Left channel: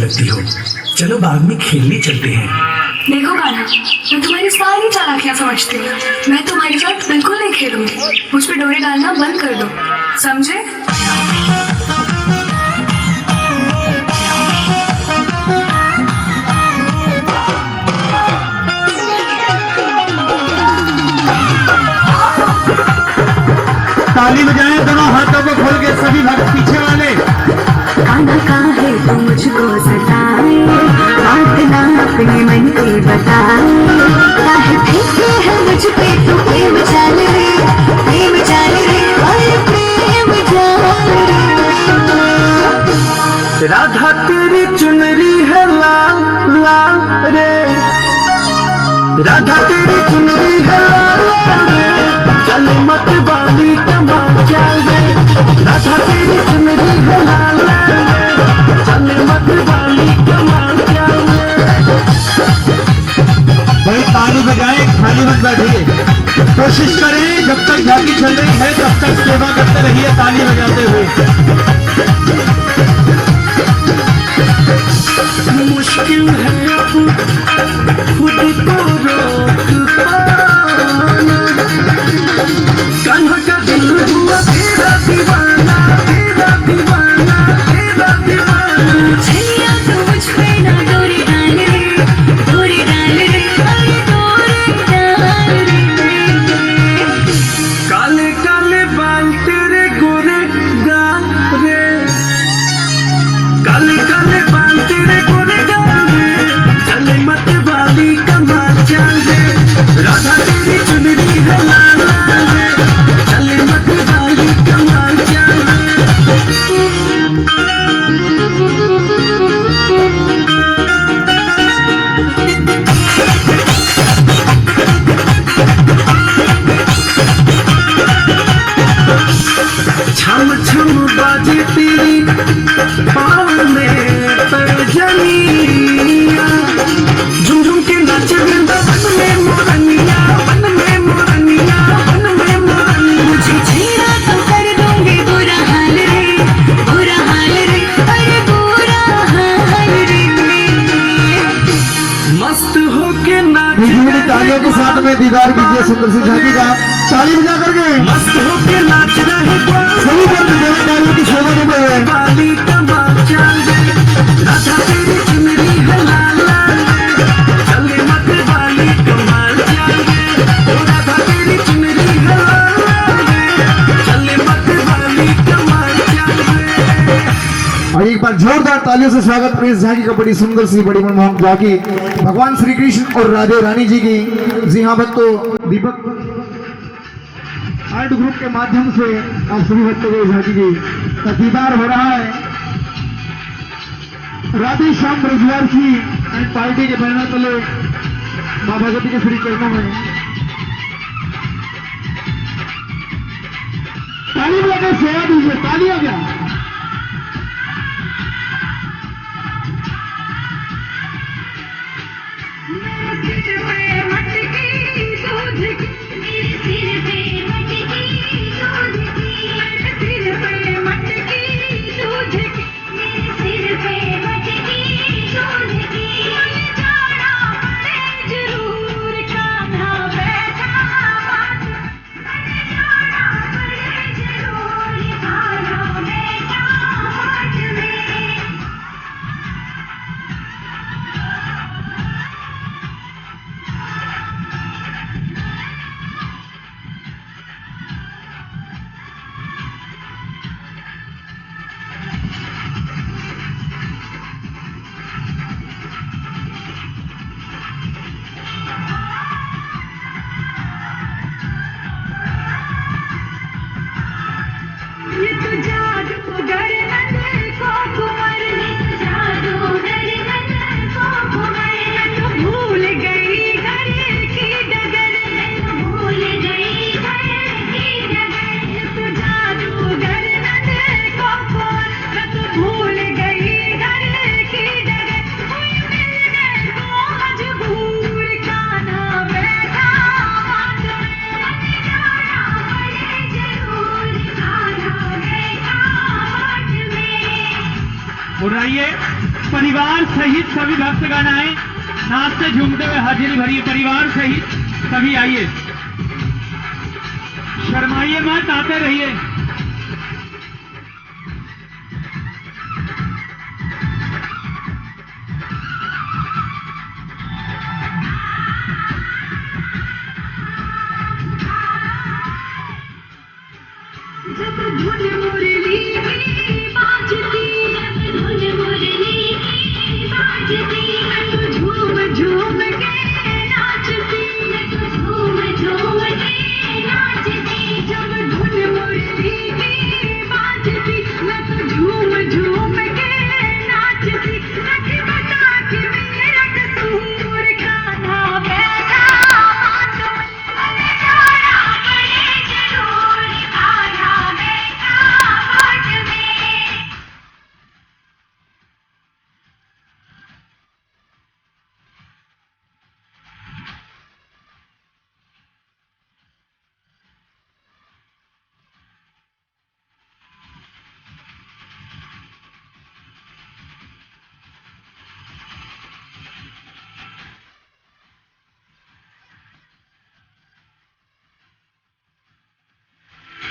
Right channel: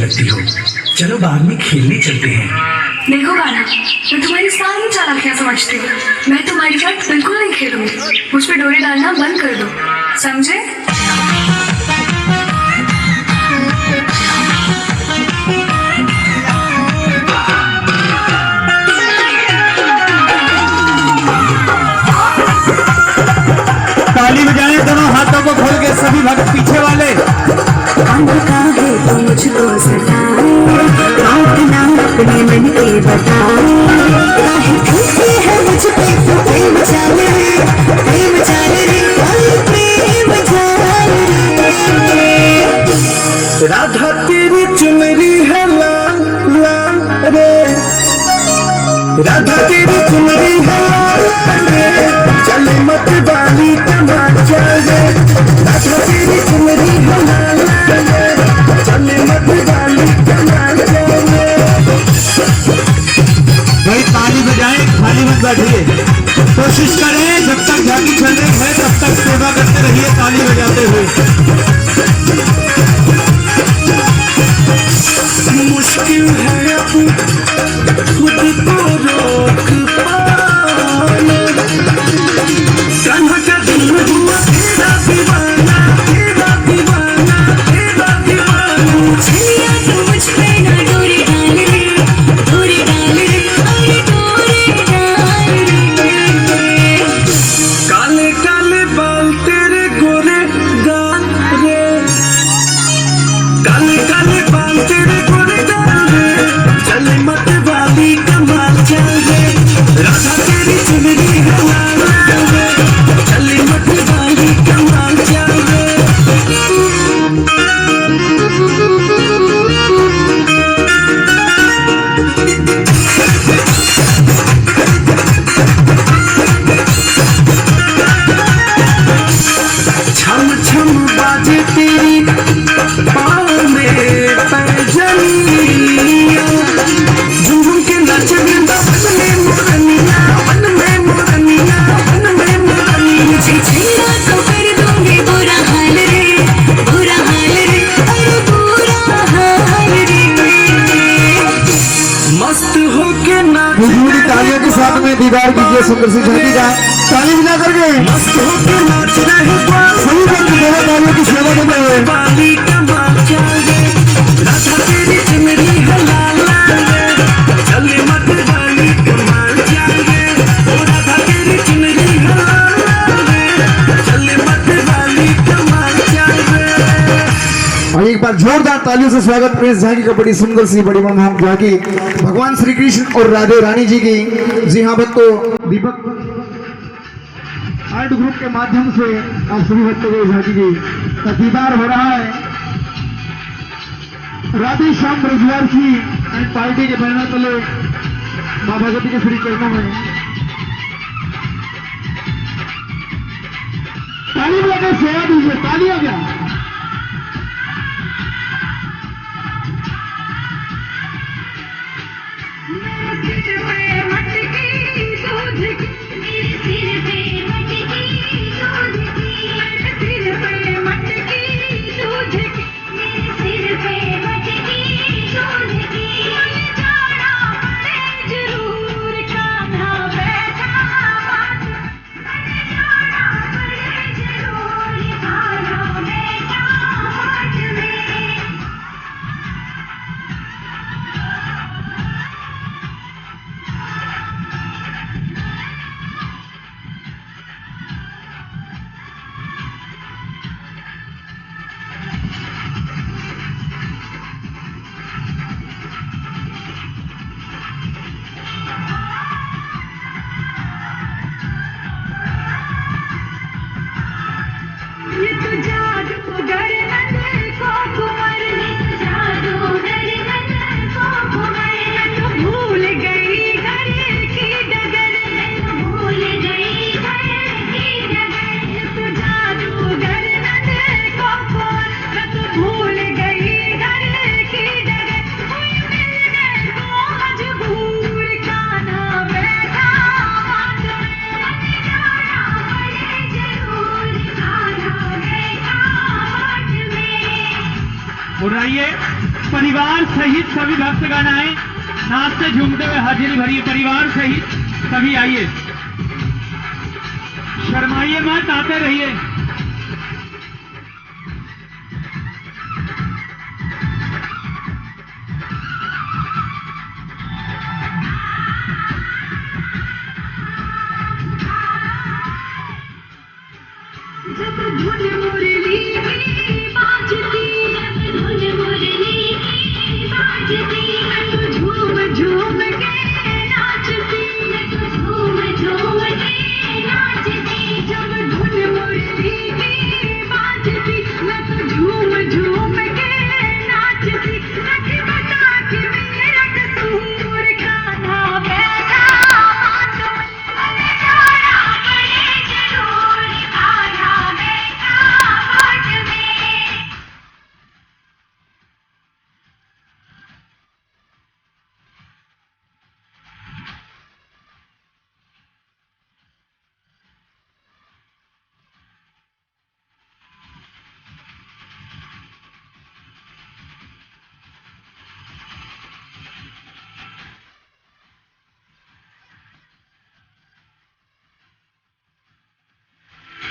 अच्छी लगती हो। चलो बाग में खेलने चलते हैं। देखो गाना, मैं तुम्हारी सारी चालाकियां समझती हूँ। मैं तुम्हारे साथ बिल्कुल नहीं खेलूंगी। मुझ पे डोरे डालना बंद कर दो, समझे? ताली बजाएं दोनों हाथों को खोल के सभी भक्त पीछे वाले। गाना का है तो मुझको सताए, बात ना अपने मन के बताए। काहे फीके है मुझ पे तू प्रेम चाल रे, प्रेम चाल रे, ओए प्रेम चाल रे। राधा तेरी चुनरी है लाल लाल रे, राधा तेरी चुनरी है लाल रे, चले मत वाली कमाल चल रे। राधा तेरी चुनरी है लाल रे, चले मत वाली कमाल चल रे। भाई ताली बजाएं, खाली मत बैठिए। कोशिश करें जब तक झांकी चल रही है तब तक सेवा करते रहिए ताली बजाते हुए। मुश्किल है खुद को रोक पाना, कान्हा का दिल हुआ तेरा दीवाना, तेरा दीवाना, तेरा दीवाना। छलिया तो मुझ पे ना डोरे डाल रे, डोरे डाल रे, ओए डोरे डाल रे। काले काले बाल तेरे गोरे गाल रे, काले काले बाल तेरे गोरे गाल रे, चले मत वाली कमाल चल रे। राधा तेरी चुनरी है लाल लाल रे, चले मत वाली कमाल चल रे। छम छम बाजे तेरी पाँव में पैजनिया, झुम झुम के नाचे वृंदावन में मोरनिया, वन में मोरनिया, वन में मोरनिया। मुझे छेड़ा तो कर दूंगी बुरा हाल रे, बुरा हाल रे, अरे बुरा हाल रे। मस्त होके नाच तालियों के साथ में दीदार कीजिए सुंदर सी झांकी का। ताली बजा करके मस्त होके नाच रहे सभी वर्ग मेरे तालियों की सेवा देते हुए। वाली कमाल चल रे, राधा तेरी चुनरी है लाल लाल रे, चले मत वाली कमाल चल रे। ओ राधा तेरी चुनरी है लाल लाल रे, चले मत वाली कमाल चल रे। और एक बार जोरदार तालियों से स्वागत प्रेस झांकी का बड़ी सुंदर सी बड़ी मनमोहक झांकी भगवान श्री कृष्ण और राधे रानी जी की। जी हाँ भक्तों, दीपक आर्ट ग्रुप के माध्यम से आप सभी भक्तों को झांकी जी का दीदार हो रहा है। राधे श्याम ब्रजवासी एंड पार्टी के बैनर तले मां भगवती के श्री चरणों में ताली बजाकर सेवा दीजिए। ताली हो गया। जरूर सहित सभी भक्तगण आए, नाचते झूमते हुए हाजिरी भरी परिवार सहित सभी आइए, शर्माइए मत, आते रहिए। जब धुन मुरली की बाजती, जब धुन मुरली की बाजती, मैं तो झूम झूम के नाचती, मैं तो झूम झूम के नाचती। जब धुन मुरली की बाजती, मैं तो झूम झूम के नाचती। नहीं बता कि मेरा कसूर खाना बैठा बात में जाना पड़े जरूर, खाना बैठा बात में।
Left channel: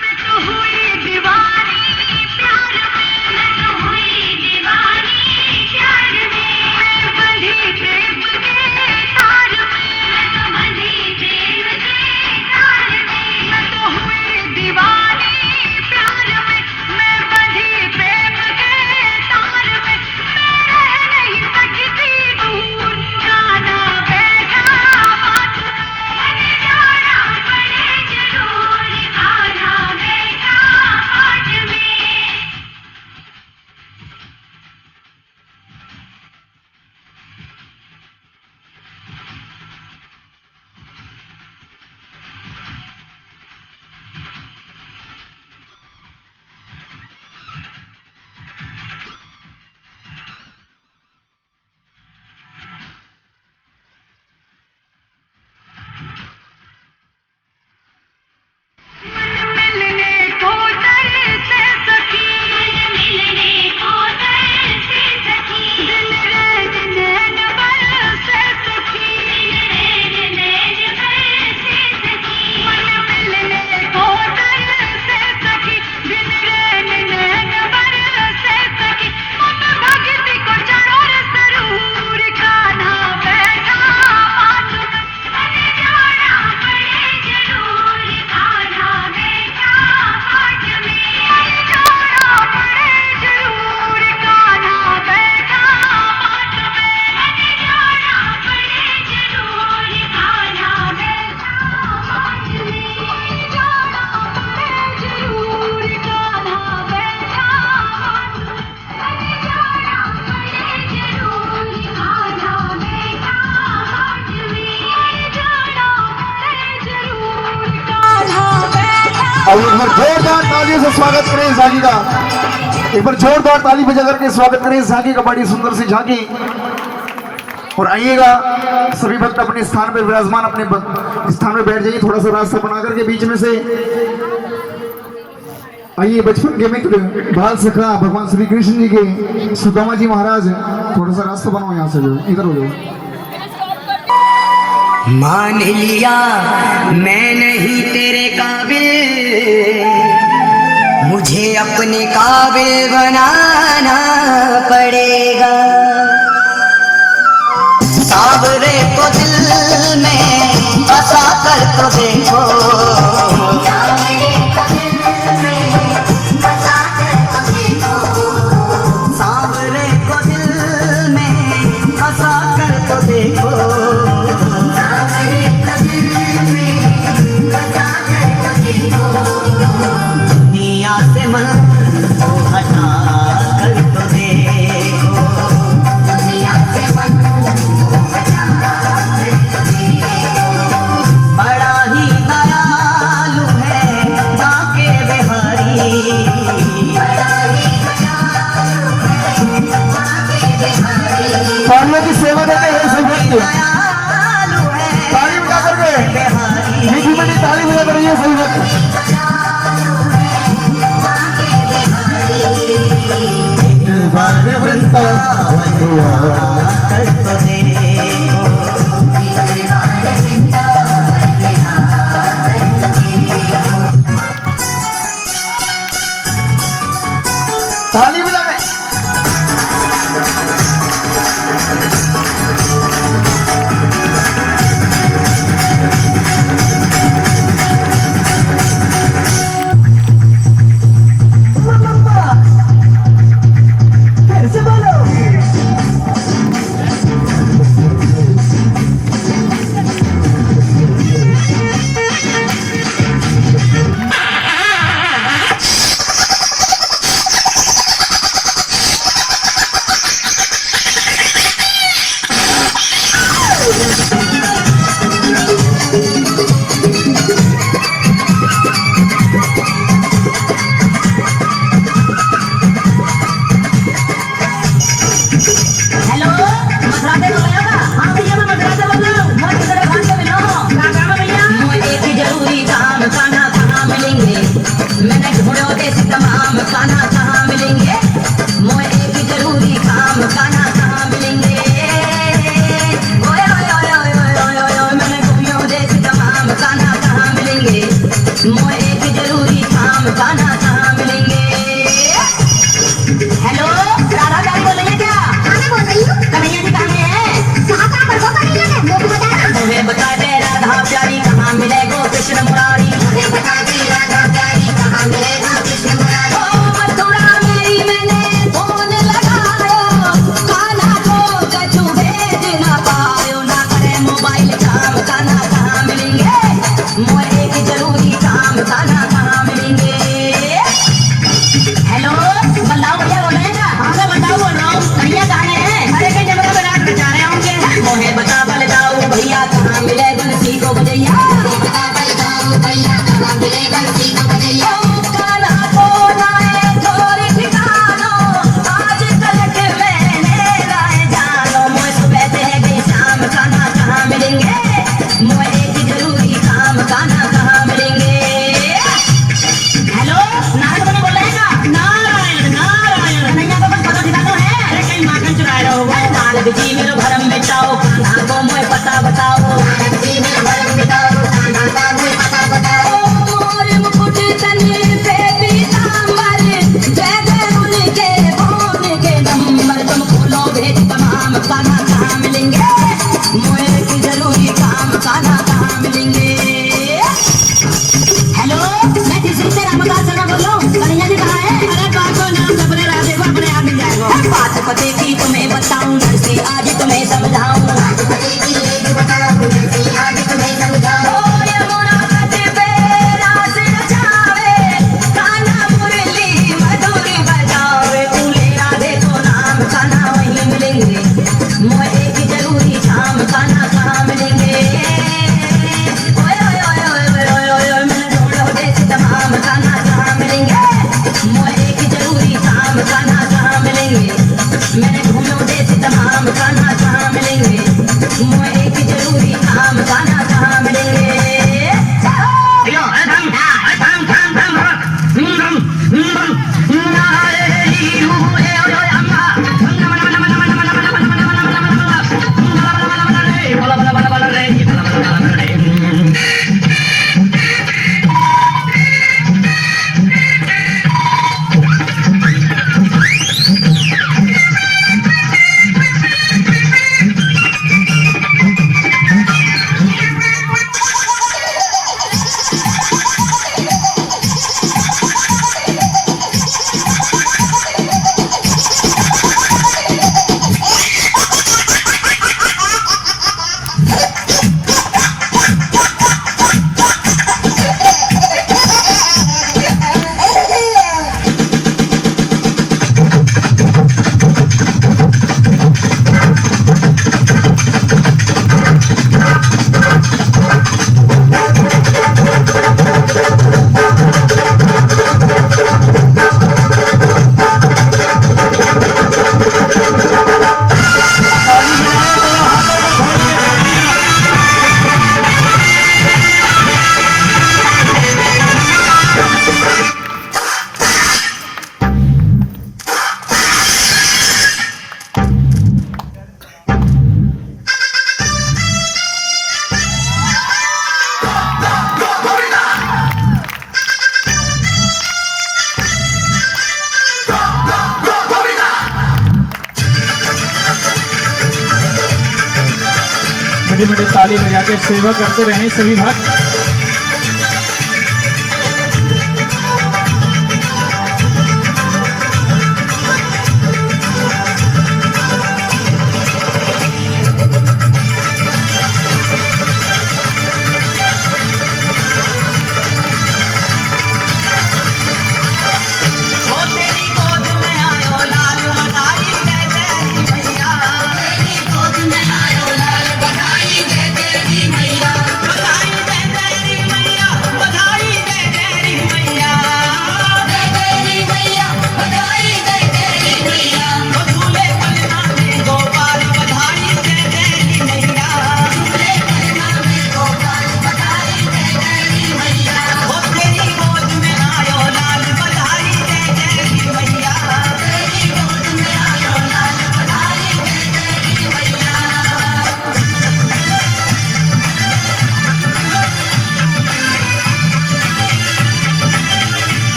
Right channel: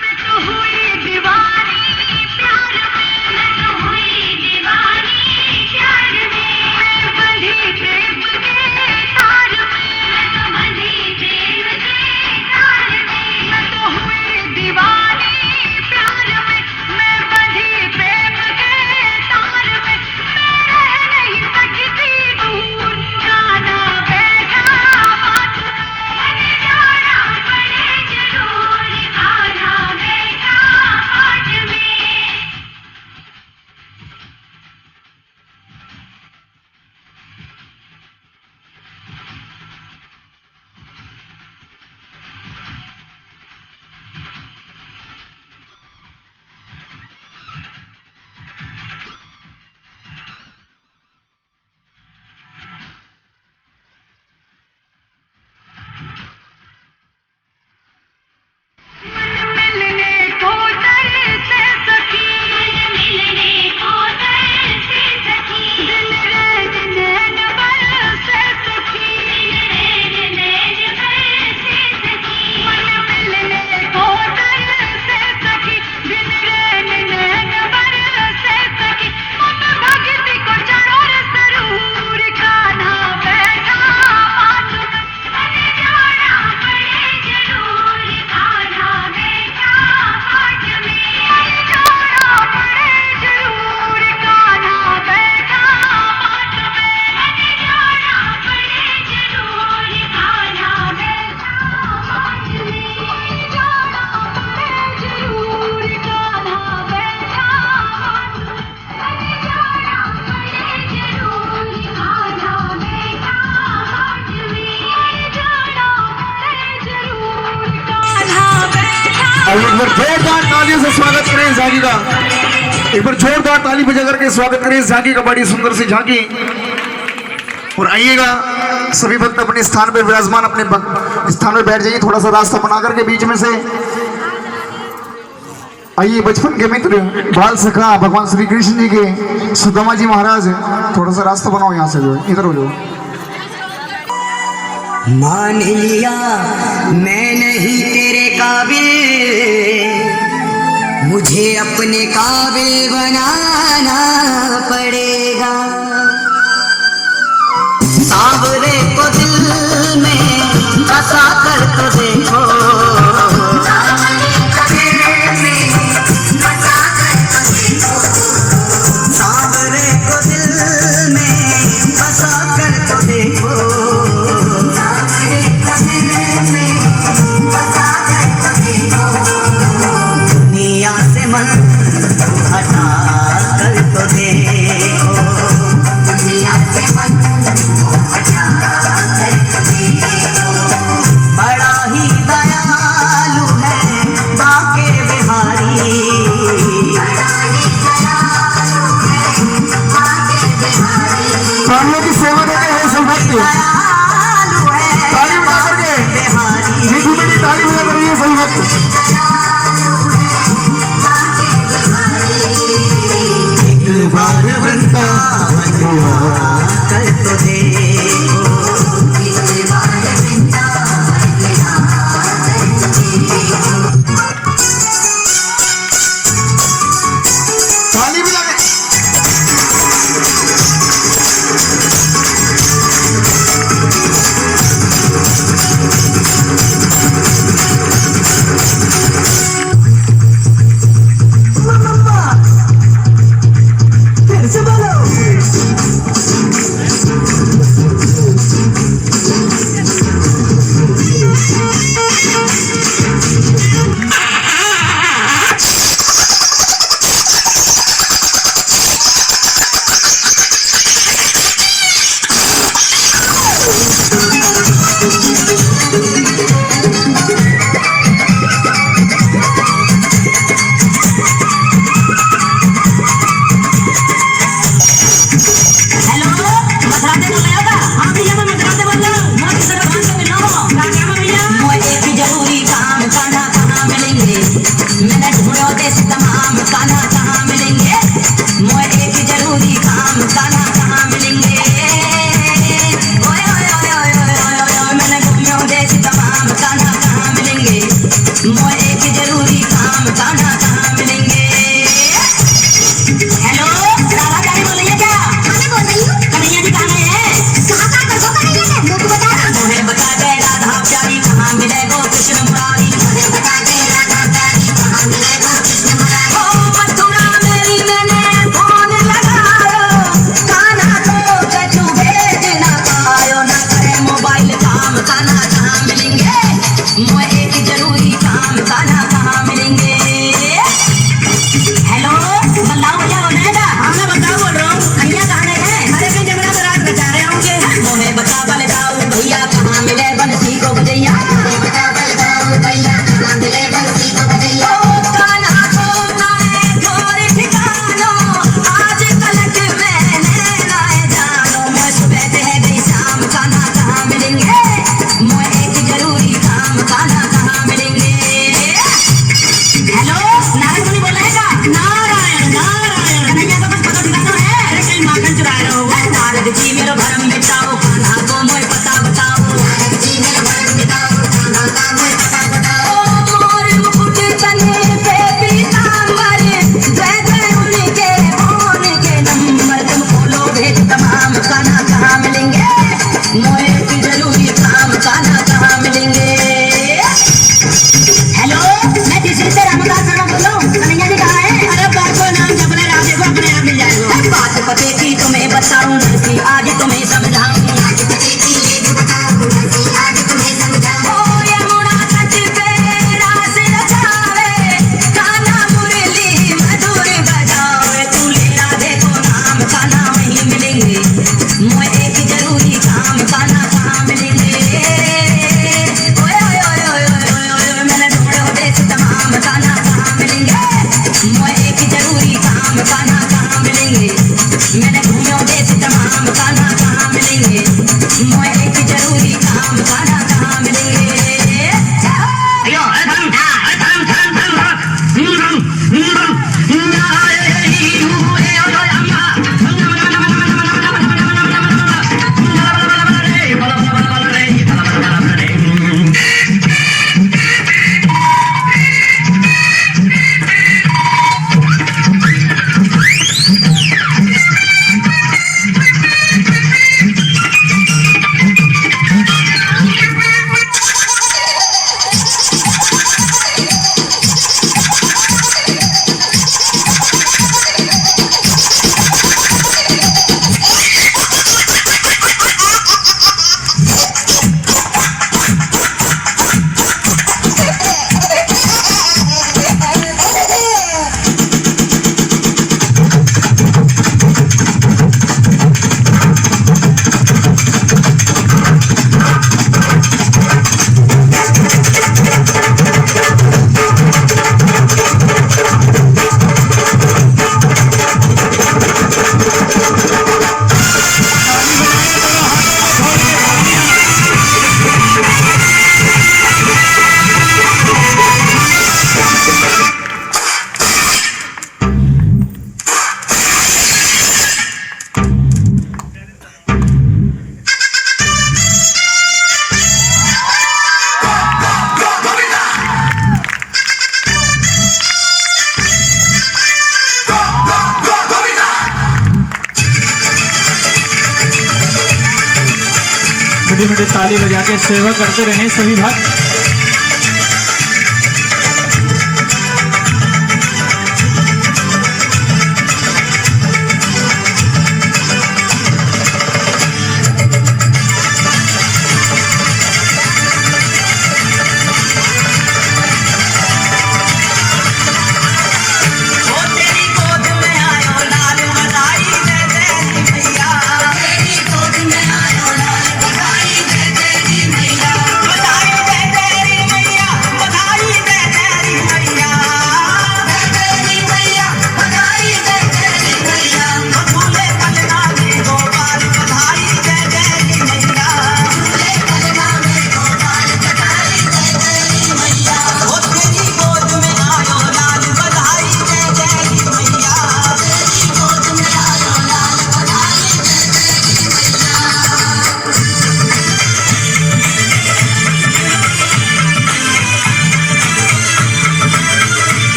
मैं तो हुई दीवानी प्यार में, मैं तो हुई दीवानी प्यार में। मैं बंधी प्रेम के तार में, मैं तो बंधी प्रेम के तार में। मैं तो हुई दीवानी प्यार में, मैं बंधी प्रेम के तार में। मैं रह नहीं सकती दूर, गाना बैठा बात में जाना पड़े जरूर, खाना बैठा बात में। मन मिलने को तरसे सखी, मन मिलने को तरसे सखी। दिल रैन नैन बरसे सखी, दिल रैन नैन बरसे सखी। मन मिलने को तरसे सखी, दिल रैन नैन बरसे सखी। मन भक्ति को चढ़ो सरूर, खाना बैठा बात में जाना पड़े जरूर, खाना बैठा बात में जाना पड़े जरूर, खाना बैठा बात में जाना पड़े जरूर, खाना बैठा बात में जाना पड़े जरूर, खाना बैठा बात में जाना पड़े जरूर, खाना बैठा बात में जाना पड़े जरूर, खाना बैठा। अब एक बार जोरदार तालियों से स्वागत करें झांकी का। एक बार जोरदार ताली बजा करके स्वागत करें झांकी का, बड़ी सुंदर सी झांकी। और आइएगा सभी भक्त अपने स्थान पे विराजमान, अपने स्थान पे बैठ जाइए, थोड़ा सा रास्ता बना करके बीच में से आइए। बचपन के मित्र बाल सखा भगवान श्री कृष्ण जी के सुदामा जी महाराज, थोड़ा सा रास्ता बनाओ यहाँ से, जो इधर हो जाओ। मान लिया मैं नहीं तेरे काबिल, मुझे अपने काबिल बनाना पड़ेगा। सावरे को दिल में बसा कर तो देखो, सावरे को दिल में बसा कर तो देखो। दुनिया से मन को हटा कर तो देखो, दुनिया से मन को हटा कर तो देखो। बड़ा ही दयालु है बाके बिहारी, बड़ा ही दयालु है बाके बिहारी। तालियों की सेवा देते हैं सब भक्त, दयालु है ताली बजा करके बिहारी। मीठी मीठी ताली बजा कर रही है सभी भक्त। एक बार वृंदावन हुआ बड़ी बड़ी ताली बजा के सेवा करते रहें सभी भक्त।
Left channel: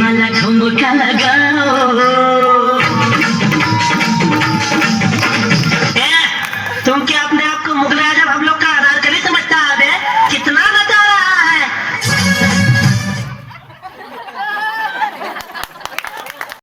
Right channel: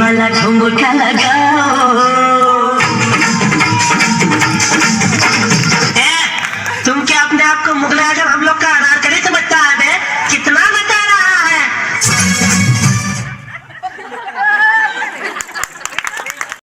वाला ठुमका लगाओ